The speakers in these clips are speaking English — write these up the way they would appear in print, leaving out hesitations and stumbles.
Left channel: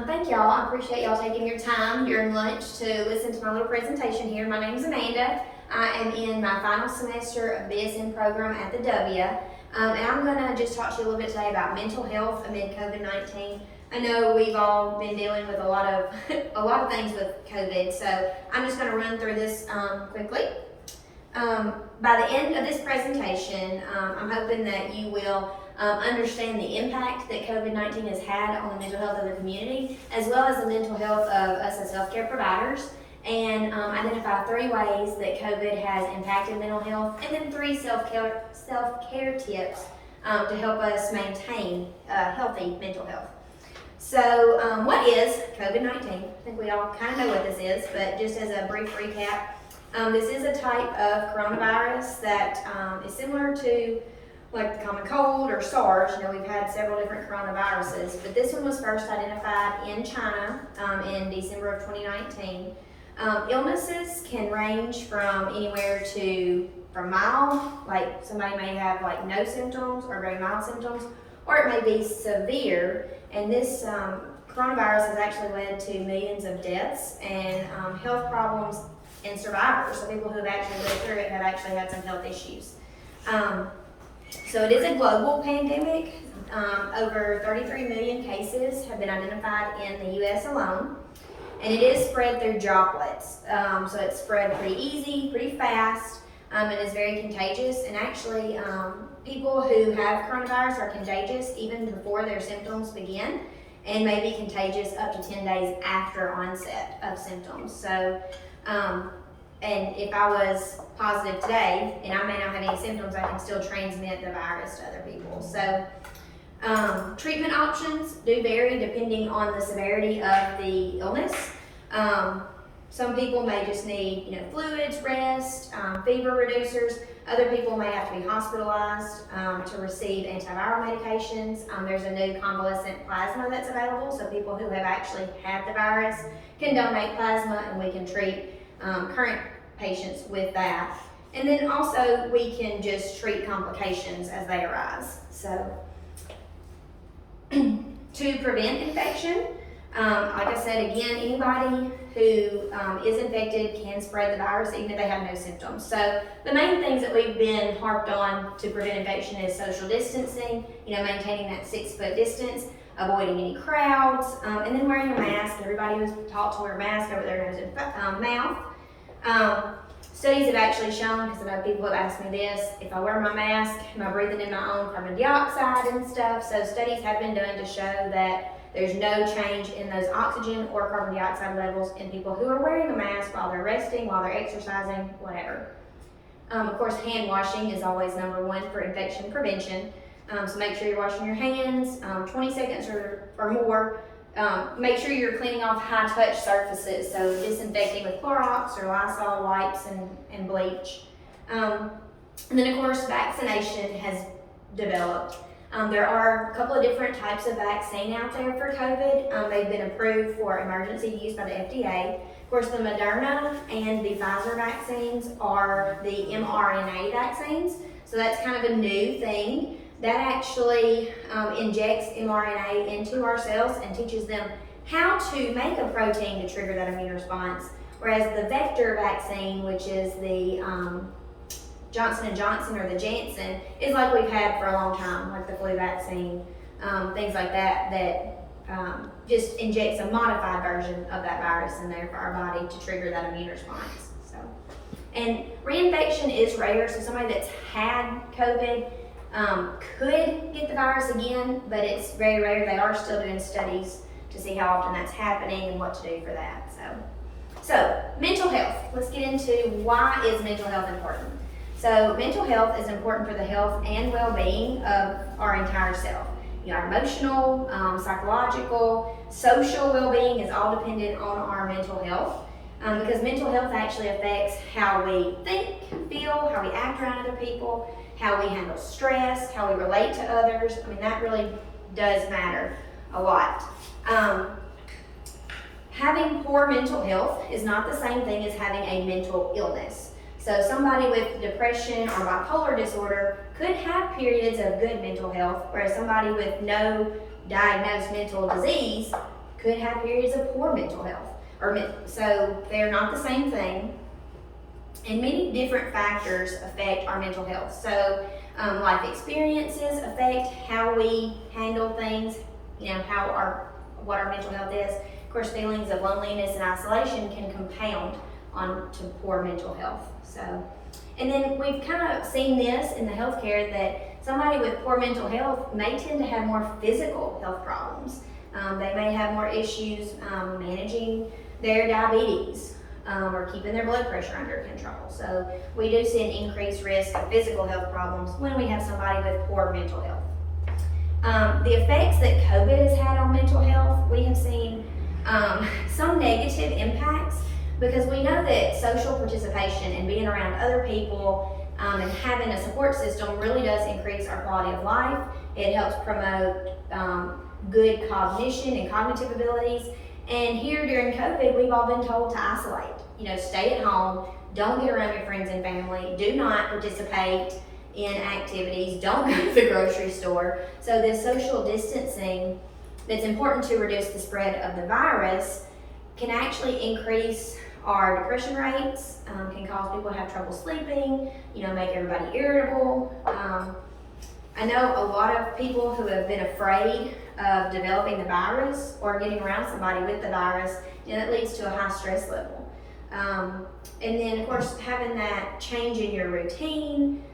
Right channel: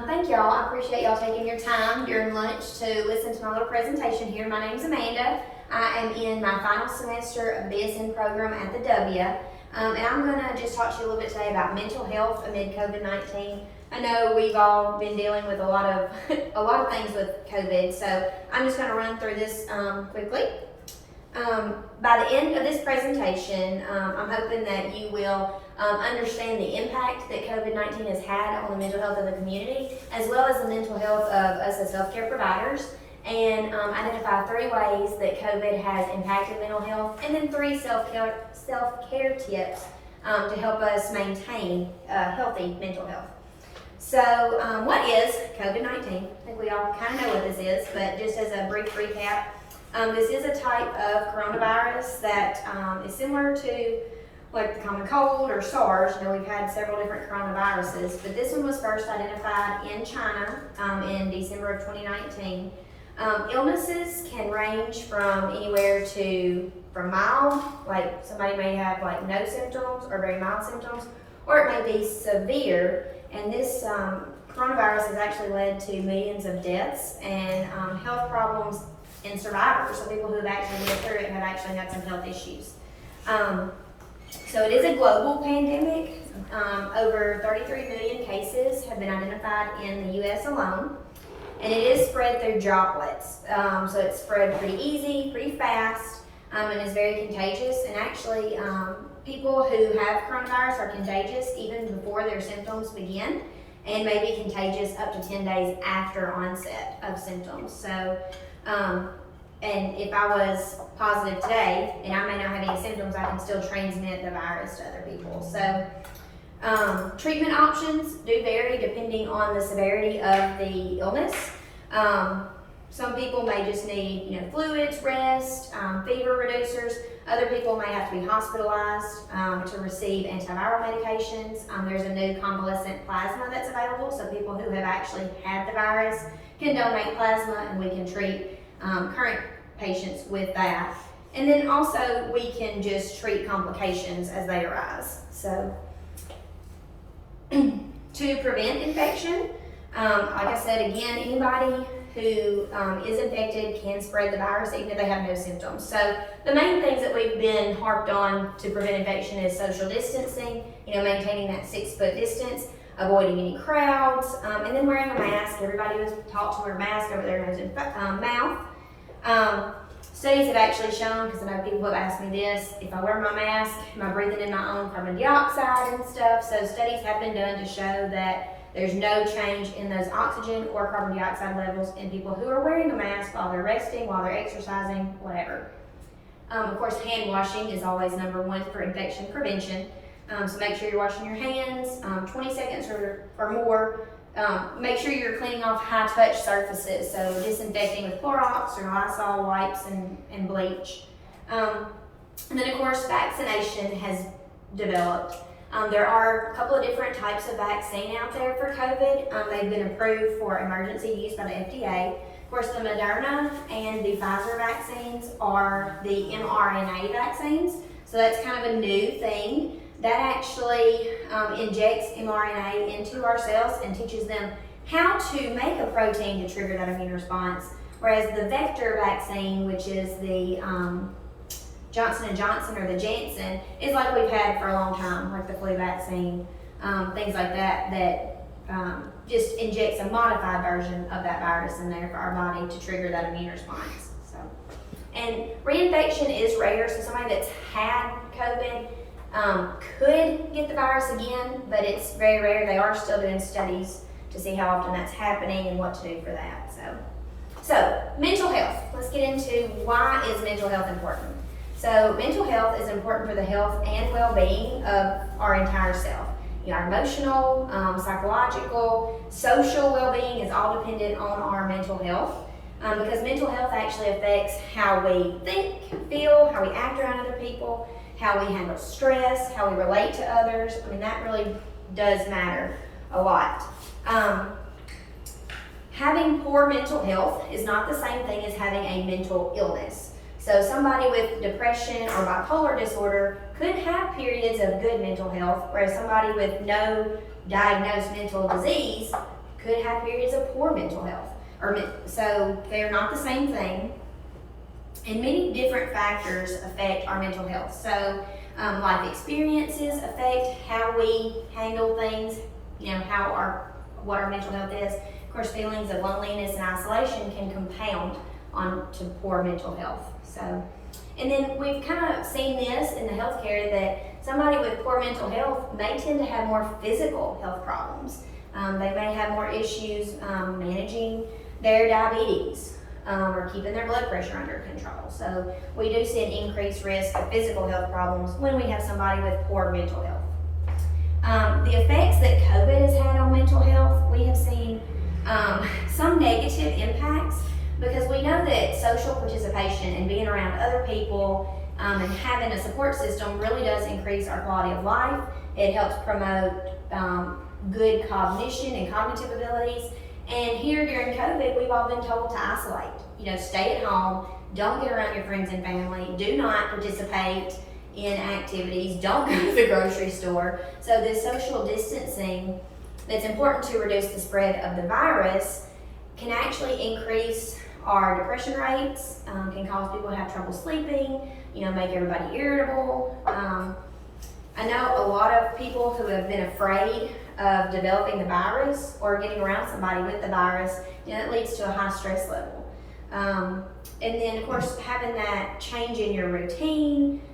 Thank y'all. I appreciate y'all taking your time during lunch to listen to my little presentation here. My name is Amanda. I am in my final semester of BSM program at the W. And I'm going to just talk to you a little bit today about mental health amid COVID-19. I know we've all been dealing with a lot of things with COVID, so I'm just going to run through this quickly. By the end of this presentation, I'm hoping that you will understand the impact that COVID-19 has had on the mental health of the community, as well as the mental health of us as healthcare providers, and identify 3 ways that COVID has impacted mental health, and then 3 self-care tips to help us maintain healthy mental health. So what is COVID-19? I think we all kind of know what this is, but just as a brief recap, this is a type of coronavirus that is similar to like the common cold or SARS. You know, we've had several different coronaviruses, but this one was first identified in China in December of 2019. Illnesses can range from anywhere from mild, like somebody may have like no symptoms or very mild symptoms, or it may be severe. And this coronavirus has actually led to millions of deaths and health problems and survivors. So people who have actually lived through it have actually had some health issues. So it is a global pandemic. Over 33 million cases have been identified in the US alone. And it is spread through droplets. So it's spread pretty easy, pretty fast, and is very contagious. And actually, people who have coronavirus are contagious even before their symptoms begin, and may be contagious up to 10 days after onset of symptoms. So, and if I was positive today, and I may not have any symptoms, I can still transmit the virus to other people. So, treatment options do vary depending on the severity of the illness. Some people may just need, fluids, rest, fever reducers. Other people may have to be hospitalized to receive antiviral medications. There's a new convalescent plasma that's available, so people who have actually had the virus can donate plasma, and we can treat current patients with that. And then also we can just treat complications as they arise. So to prevent infection, like I said, again, anybody who is infected can spread the virus even if they have no symptoms. So the main things that we've been harped on to prevent infection is social distancing, maintaining that 6-foot distance, avoiding any crowds, and then wearing a mask. Everybody was taught to wear a mask over their nose and mouth. Studies have actually shown, because I know people have asked me this, if I wear my mask, am I breathing in my own carbon dioxide and stuff? So studies have been done to show that there's no change in those oxygen or carbon dioxide levels in people who are wearing a mask while they're resting, while they're exercising, whatever. Of course, hand washing is always number 1 for infection prevention. So make sure you're washing your hands 20 seconds or more. Make sure you're cleaning off high-touch surfaces, so disinfecting with Clorox or Lysol wipes and bleach. And then, of course, vaccination has developed. There are a couple of different types of vaccine out there for COVID. They've been approved for emergency use by the FDA. Of course, the Moderna and the Pfizer vaccines are the mRNA vaccines, so that's kind of a new thing. That actually injects mRNA into our cells and teaches them how to make a protein to trigger that immune response. Whereas the vector vaccine, which is the Johnson & Johnson or the Janssen, is like we've had for a long time, like the flu vaccine, things like that just injects a modified version of that virus in there for our body to trigger that immune response. So, and reinfection is rare, so somebody that's had COVID could get the virus again, but it's very rare. They are still doing studies to see how often that's happening and what to do for that. So mental health. Let's get into why is mental health important. So mental health is important for the health and well-being of our entire self. Our emotional, psychological, social well-being is all dependent on our mental health. Because mental health actually affects how we think, feel, how we act around other people, how we handle stress, how we relate to others. That really does matter a lot. Having poor mental health is not the same thing as having a mental illness. So somebody with depression or bipolar disorder could have periods of good mental health, whereas somebody with no diagnosed mental disease could have periods of poor mental health. So they're not the same thing. And many different factors affect our mental health. So life experiences affect how we handle things, what our mental health is. Of course, feelings of loneliness and isolation can compound on to poor mental health. So, and then we've kind of seen this in the healthcare that somebody with poor mental health may tend to have more physical health problems. They may have more issues managing their diabetes or keeping their blood pressure under control. So we do see an increased risk of physical health problems when we have somebody with poor mental health. The effects that COVID has had on mental health, we have seen some negative impacts, because we know that social participation and being around other people and having a support system really does increase our quality of life. It helps promote good cognition and cognitive abilities. And here during COVID, we've all been told to isolate. Stay at home, don't get around your friends and family, do not participate in activities, don't go to the grocery store. So this social distancing that's important to reduce the spread of the virus can actually increase our depression rates, can cause people to have trouble sleeping, make everybody irritable. I know a lot of people who have been afraid of developing the virus or getting around somebody with the virus, that leads to a high stress level. And then of course, having that change in your routine,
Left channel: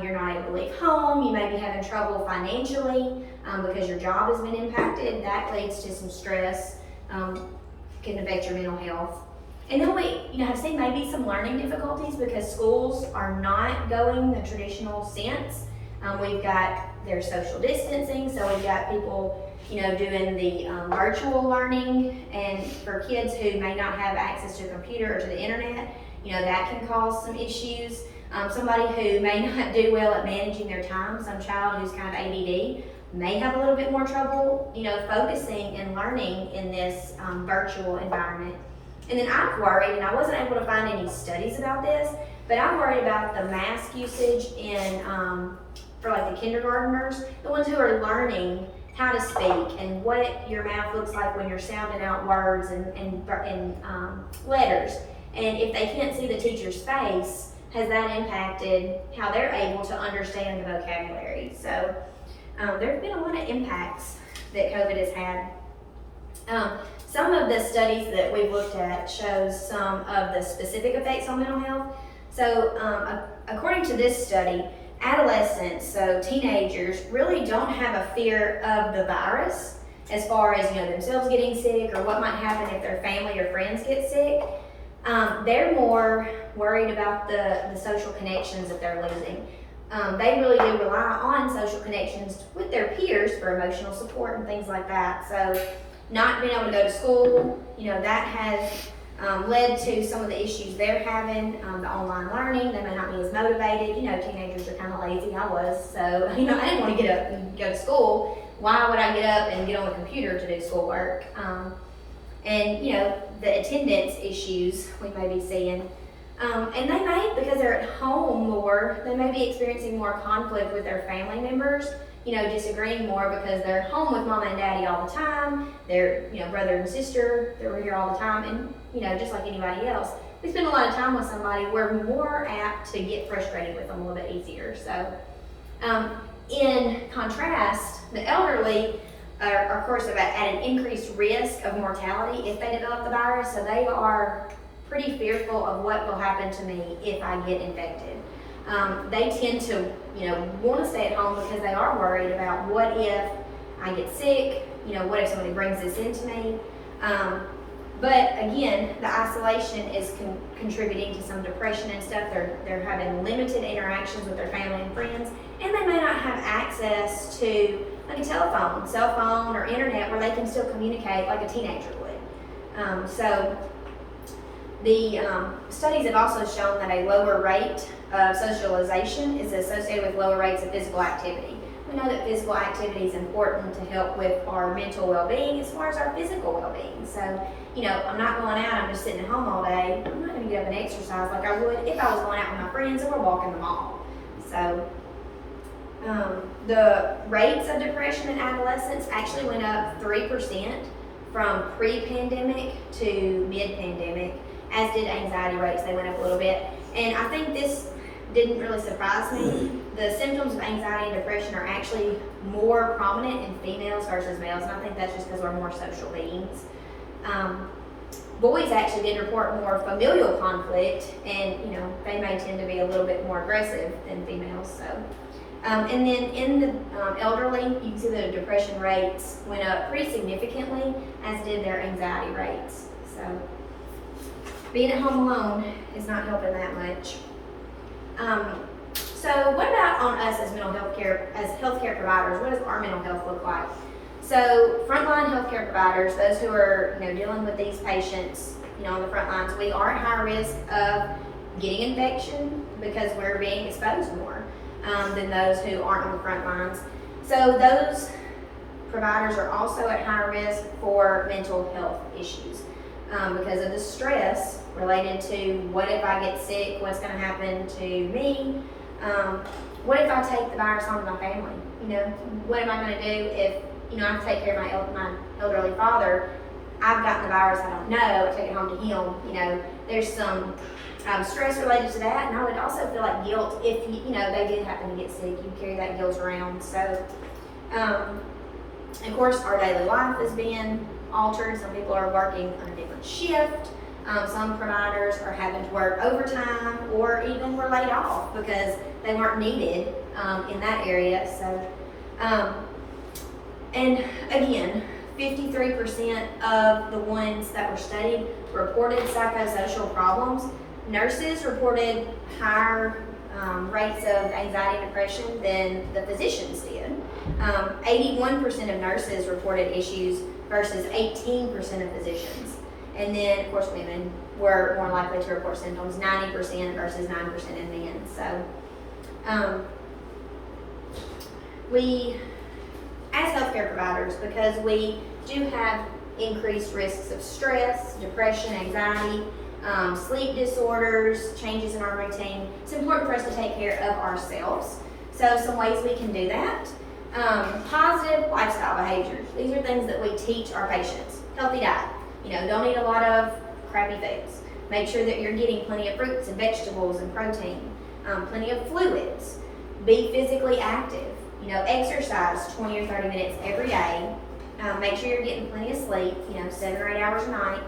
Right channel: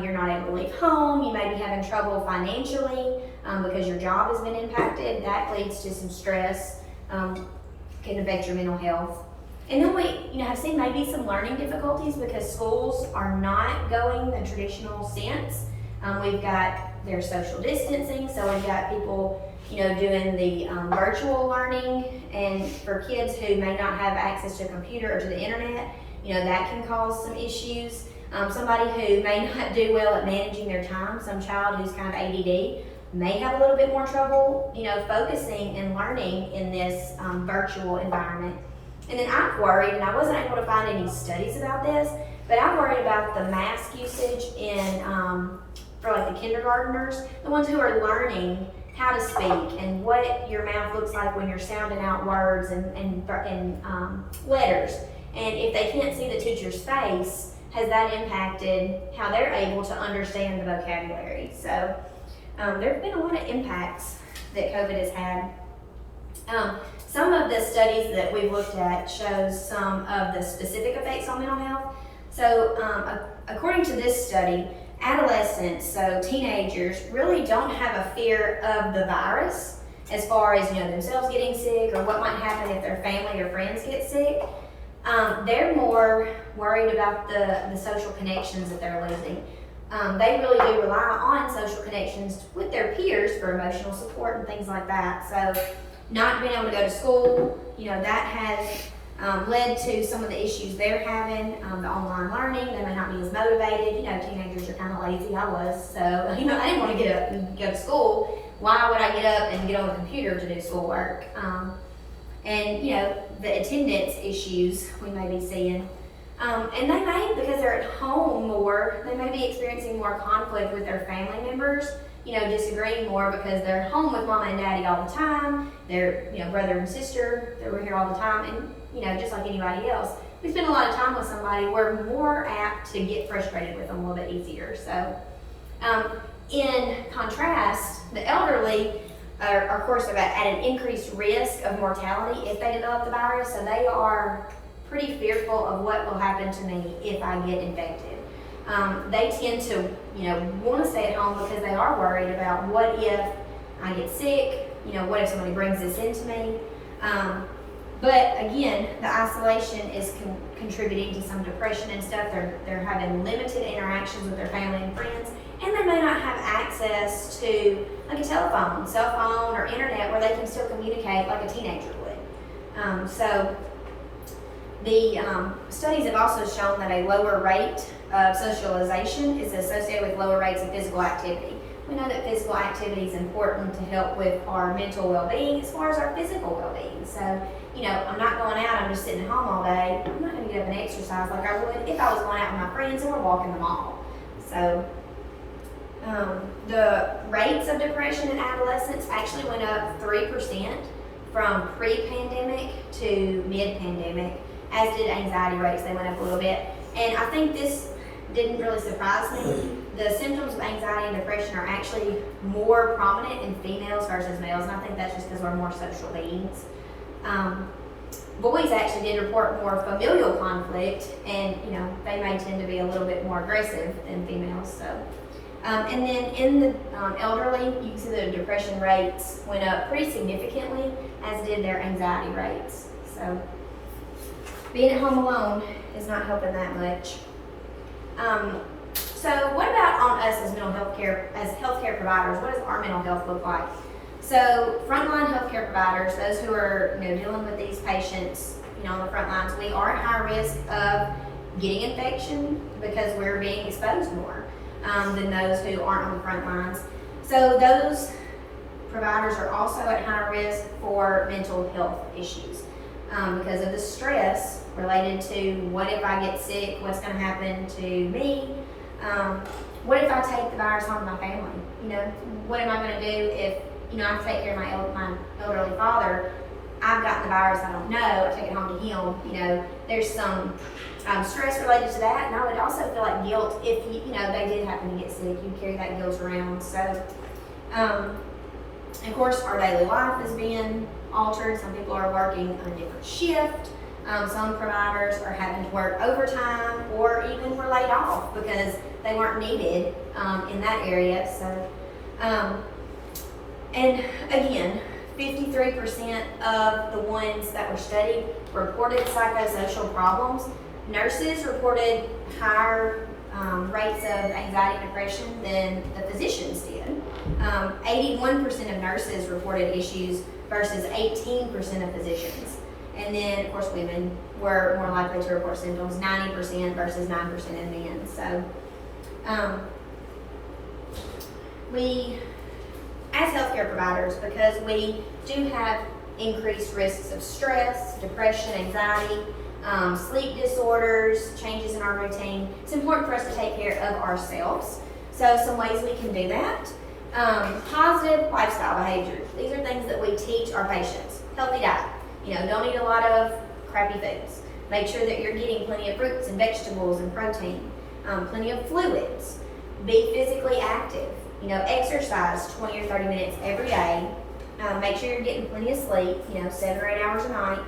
you're not able to leave home, you may be having trouble financially because your job has been impacted. That leads to some stress, can affect your mental health. And then we have seen maybe some learning difficulties because schools are not going the traditional sense. We've got their social distancing, so we've got people doing the virtual learning, and for kids who may not have access to a computer or to the internet, that can cause some issues. Somebody who may not do well at managing their time, some child who's kind of ADD, may have a little bit more trouble, focusing and learning in this virtual environment. And then I'm worried, and I wasn't able to find any studies about this, but I'm worried about the mask usage for like the kindergartners, the ones who are learning how to speak and what your mouth looks like when you're sounding out words and letters. And if they can't see the teacher's face, has that impacted how they're able to understand the vocabulary? So there have been a lot of impacts that COVID has had. Some of the studies that we've looked at shows some of the specific effects on mental health. So according to this study, adolescents, so teenagers, really don't have a fear of the virus as far as themselves getting sick or what might happen if their family or friends get sick. They're more worried about the social connections that they're losing. They really do rely on social connections with their peers for emotional support and things like that. So not being able to go to school, that has led to some of the issues they're having. The online learning, they may not be as motivated. Teenagers are kind of lazy. I was, so I didn't want to get up and go to school. Why would I get up and get on the computer to do schoolwork? And the attendance issues we may be seeing. And they may, because they're at home more, they may be experiencing more conflict with their family members, disagreeing more because they're home with mama and daddy all the time. They're, brother and sister, they're here all the time. And, just like anybody else, we spend a lot of time with somebody, we're more apt to get frustrated with them a little bit easier. So, in contrast, the elderly are of course at an increased risk of mortality if they develop the virus. So they are pretty fearful of what will happen to me if I get infected. They tend to, want to stay at home because they are worried about what if I get sick, what if somebody brings this into me. But again, the isolation is contributing to some depression and stuff. They're having limited interactions with their family and friends, and they may not have access to like a telephone, cell phone, or internet where they can still communicate like a teenager would. So the studies have also shown that a lower rate of socialization is associated with lower rates of physical activity. We know that physical activity is important to help with our mental well-being as far as our physical well-being. So, I'm not going out, I'm just sitting at home all day. I'm not going to get up and exercise like I would if I was going out with my friends and we're walking the mall. So, the rates of depression in adolescents actually went up 3% from pre-pandemic to mid-pandemic, as did anxiety rates. They went up a little bit. And I think this didn't really surprise me. The symptoms of anxiety and depression are actually more prominent in females versus males, and I think that's just because we're more social beings. Boys actually did report more familial conflict, and they may tend to be a little bit more aggressive than females. So, and then in the elderly, you can see the depression rates went up pretty significantly, as did their anxiety rates. So, being at home alone is not helping that much. So what about on us as healthcare providers? What does our mental health look like? So frontline healthcare providers, those who are dealing with these patients, on the front lines, we are at high risk of getting infection because we're being exposed more than those who aren't on the front lines. So those providers are also at high risk for mental health issues because of the stress related to what if I get sick, what's going to happen to me, what if I take the virus home to my family, what am I going to do if, I have to take care of my elderly father, I've gotten the virus, I don't know, I take it home to him, there's some stress related to that, and I would also feel like guilt if, they did happen to get sick, you carry that guilt around. So, of course, our daily life is being altered. Some people are working on a different shift. Some providers are having to work overtime or even were laid off because they weren't needed in that area. So, and again, 53% of the ones that were studied reported psychosocial problems. Nurses reported higher rates of anxiety and depression than the physicians did. 81% of nurses reported issues versus 18% of physicians. And then, of course, women were more likely to report symptoms, 90% versus 9% in men. So, we, as healthcare providers, because we do have increased risks of stress, depression, anxiety, sleep disorders, changes in our routine, it's important for us to take care of ourselves. So, some ways we can do that. Positive lifestyle behaviors. These are things that we teach our patients. Healthy diet. Don't eat a lot of crappy foods. Make sure that you're getting plenty of fruits and vegetables and protein, plenty of fluids. Be physically active. Exercise 20 or 30 minutes every day. Make sure you're getting plenty of sleep, 7 or 8 hours a night.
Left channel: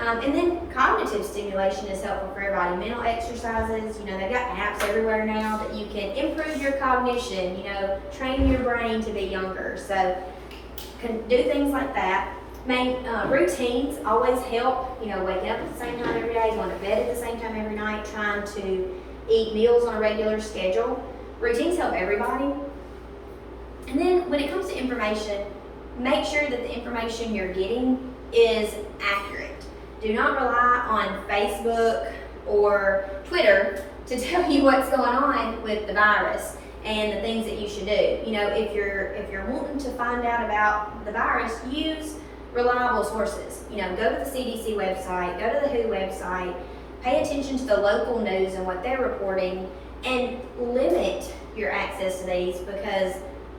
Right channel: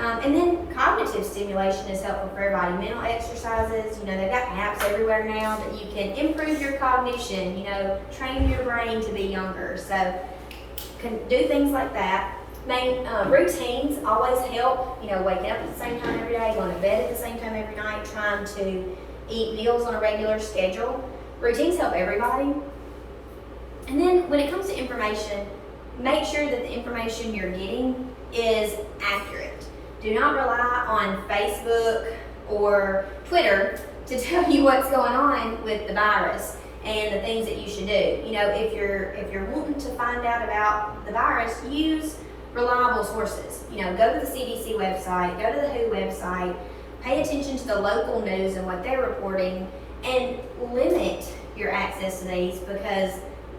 And then cognitive stimulation is helpful for everybody. Mental exercises, they've got apps everywhere now that you can improve your cognition, train your brain to be younger. So, can do things like that. Routines always help, waking up at the same time every day, going to bed at the same time every night, trying to eat meals on a regular schedule. Routines help everybody. And then when it comes to information, make sure that the information you're getting is accurate. Do not rely on Facebook or Twitter to tell you what's going on with the virus and the things that you should do. If you're wanting to find out about the virus, use reliable sources. Go to the CDC website, go to the WHO website, pay attention to the local news and what they're reporting, and limit your access to these because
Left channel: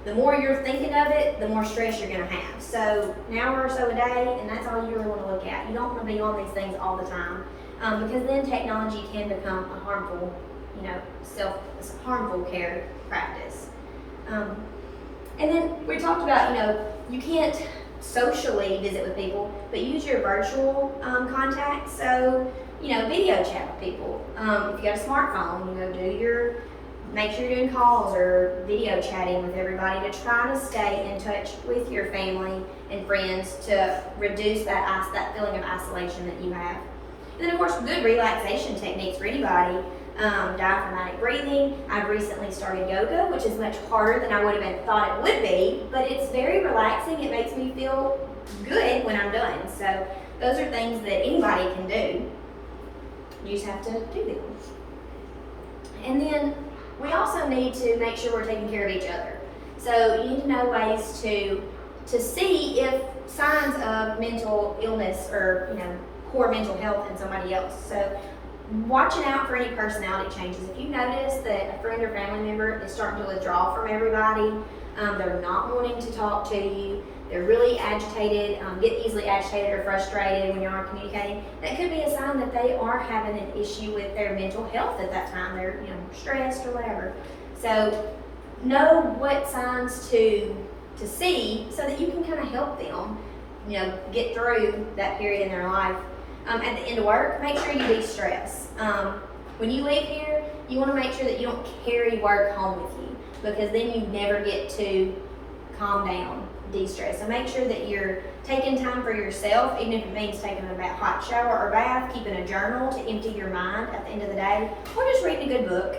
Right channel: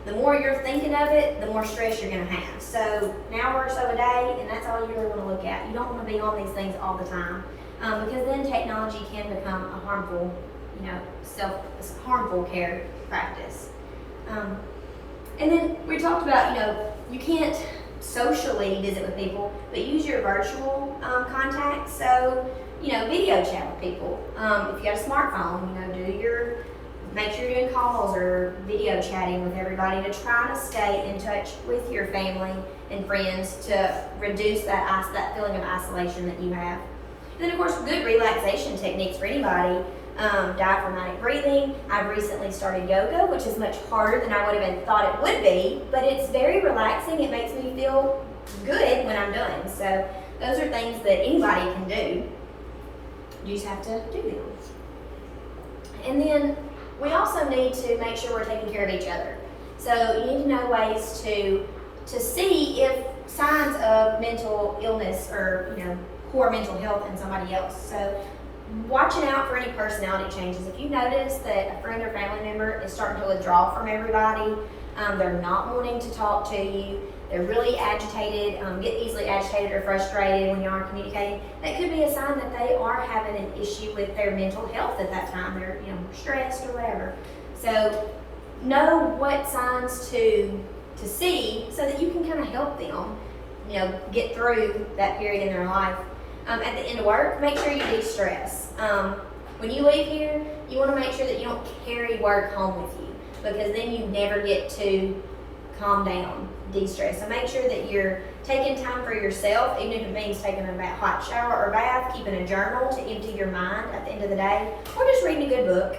the more you're thinking of it, the more stress you're going to have. So an hour or so a day, and that's all you really want to look at. You don't want to be on these things all the time because then technology can become a harmful, harmful care practice. And then we talked about, you can't socially visit with people, but use your virtual contacts. So, video chat with people. If you got a smartphone, make sure you're doing calls or video chatting with everybody to try to stay in touch with your family and friends to reduce that feeling of isolation that you have. And then, of course, good relaxation techniques for anybody. Diaphragmatic breathing. I've recently started yoga, which is much harder than I would have thought it would be, but it's very relaxing. It makes me feel good when I'm done. So those are things that anybody can do. You just have to do them. And then we also need to make sure we're taking care of each other. So you need to know ways to see if signs of mental illness or poor mental health in somebody else. So watching out for any personality changes. If you notice that a friend or family member is starting to withdraw from everybody, they're not wanting to talk to you, they're really agitated, get easily agitated or frustrated when you are communicating, that could be a sign that they are having an issue with their mental health at that time. They're stressed or whatever. So know what signs to see so that you can kind of help them get through that period in their life. At the end of work, make sure you de-stress. When you leave here, you want to make sure that you don't carry work home with you, because then you never get to calm down, de-stress. So make sure that you're taking time for yourself, even if it means taking a hot shower or bath, keeping a journal to empty your mind at the end of the day, or just reading a good book,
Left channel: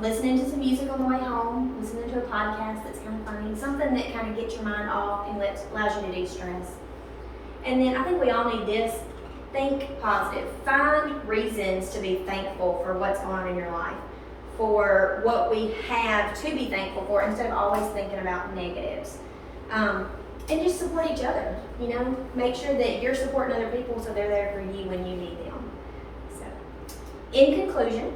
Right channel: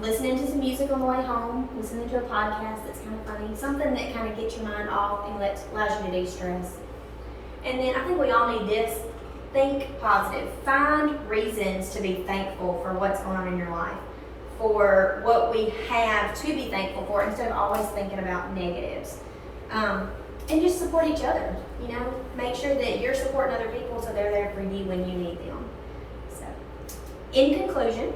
listening to some music on the way home, listening to a podcast that's kind of funny, something that kind of gets your mind off and allows you to de-stress. And then I think we all need this. Think positive. Find reasons to be thankful for what's going on in your life, for what we have to be thankful for, instead of always thinking about negatives. And just support each other. Make sure that you're supporting other people so they're there for you when you need them. So, in conclusion,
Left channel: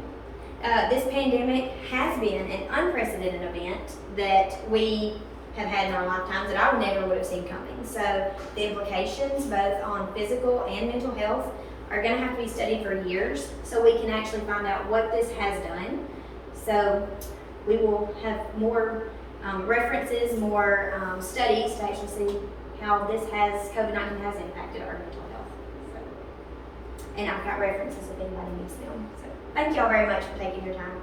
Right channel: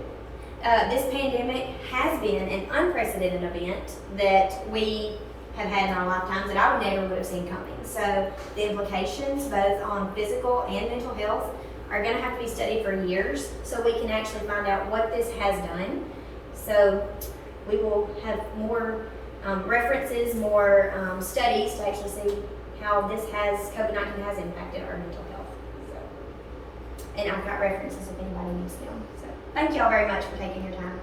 this pandemic has been an unprecedented event that we have had in our lifetimes that I never would have seen coming. So the implications both on physical and mental health are going to have to be studied for years so we can actually find out what this has done. So we will have more references, more studies to actually see how COVID-19 has impacted our mental health. So, and I've got references if anybody needs them. So thank y'all very much for taking your time.